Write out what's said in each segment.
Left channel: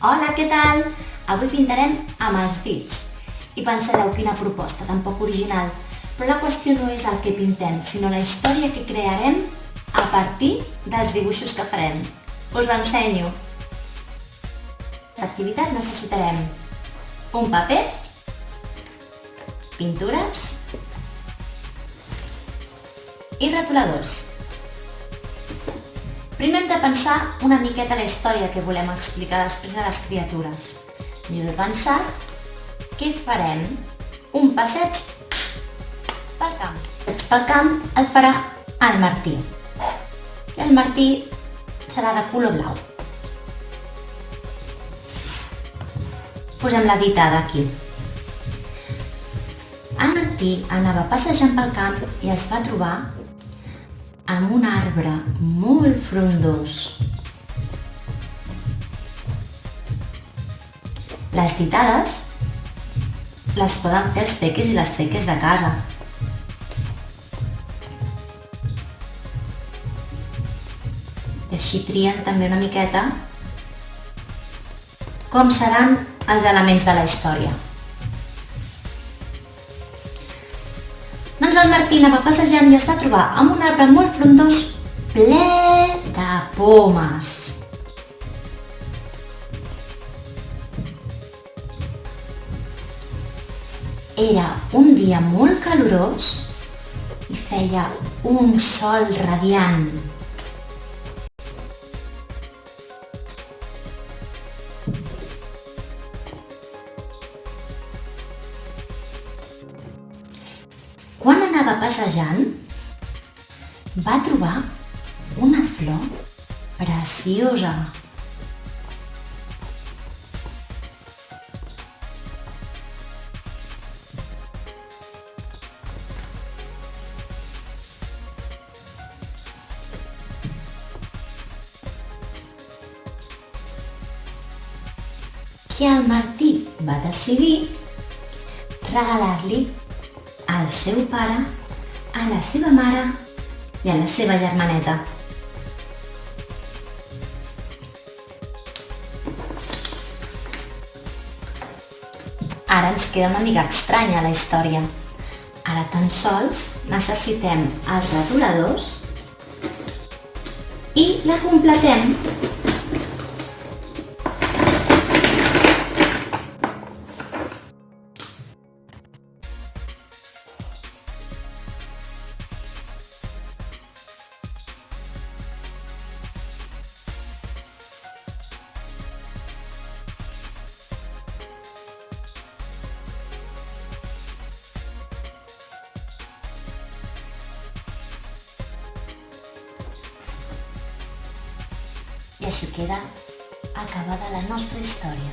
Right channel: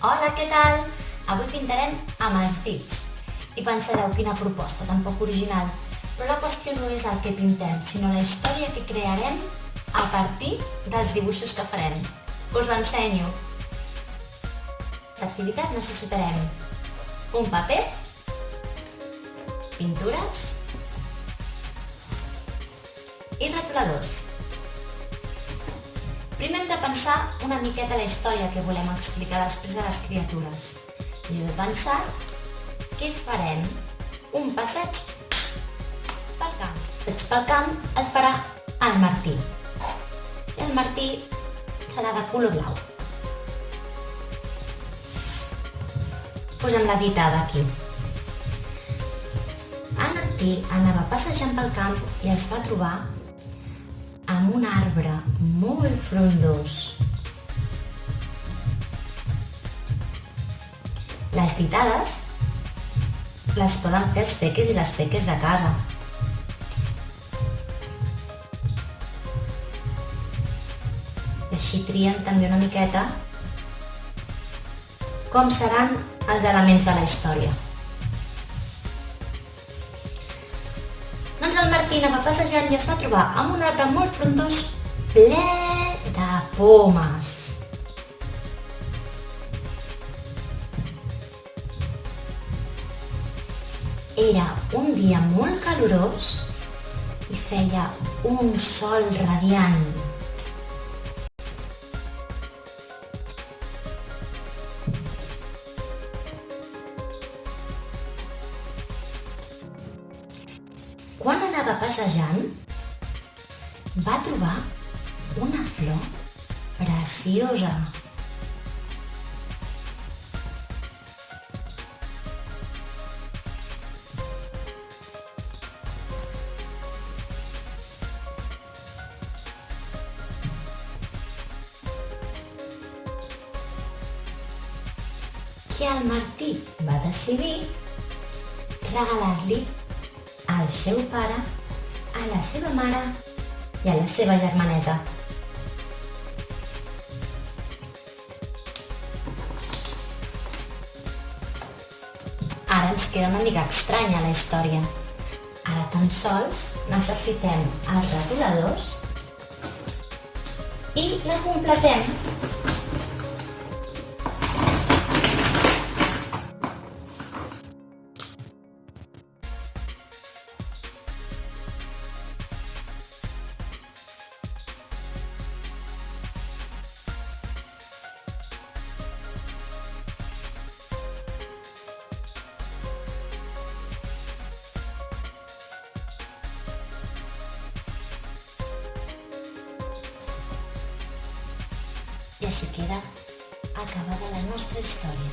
Hola, què tal? Avui pintarem amb els dits. I pensareu, quina proposta, tan poc original. Però la qüestió no és el que pintem, sinó la història que crearem a partir dels dibuixos que farem. Us l'ensenyo. L'activitat necessitarem un paper, pintures i retoladors. Primer hem de pensar una miqueta la història que volem explicar després a les criatures. Jo he pensat que farem un passeig pel camp. El passeig pel camp el farà el Martí. I el Martí serà de color blau. Posem la ditada aquí. El Martí anava passejant pel camp i es va trobar amb un arbre molt frondós. Les ditades les poden fer els peques i les peques de casa. I així trien també una miqueta com seran els elements de la història. Doncs el Martí anava passejant i es va trobar amb un arbre molt frondós ple de pomes. Era un dia molt calorós i feia un sol radiant. Quan anava passejant, va trobar una flor preciosa. Que el Martí va decidir regalar-li al seu pare, a la seva mare i a la seva germaneta. Ara ens queda una mica estranya la història. Ara tan sols necessitem els retoladors i la completem. I així queda acabada la nostra història.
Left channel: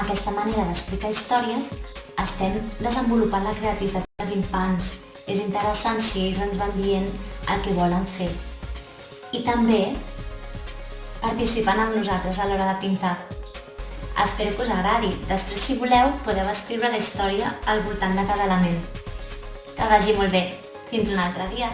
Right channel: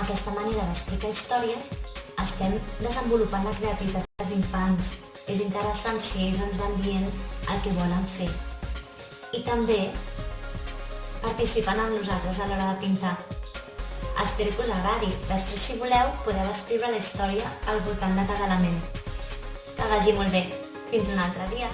Amb aquesta manera d'explicar històries estem desenvolupant la creativitat dels infants. És interessant si ells ens van dient el que volen fer. I també participant amb nosaltres a l'hora de pintar. Espero que us agradi. Després, si voleu, podeu escriure la història al voltant de cada element. Que vagi molt bé. Fins un altre dia.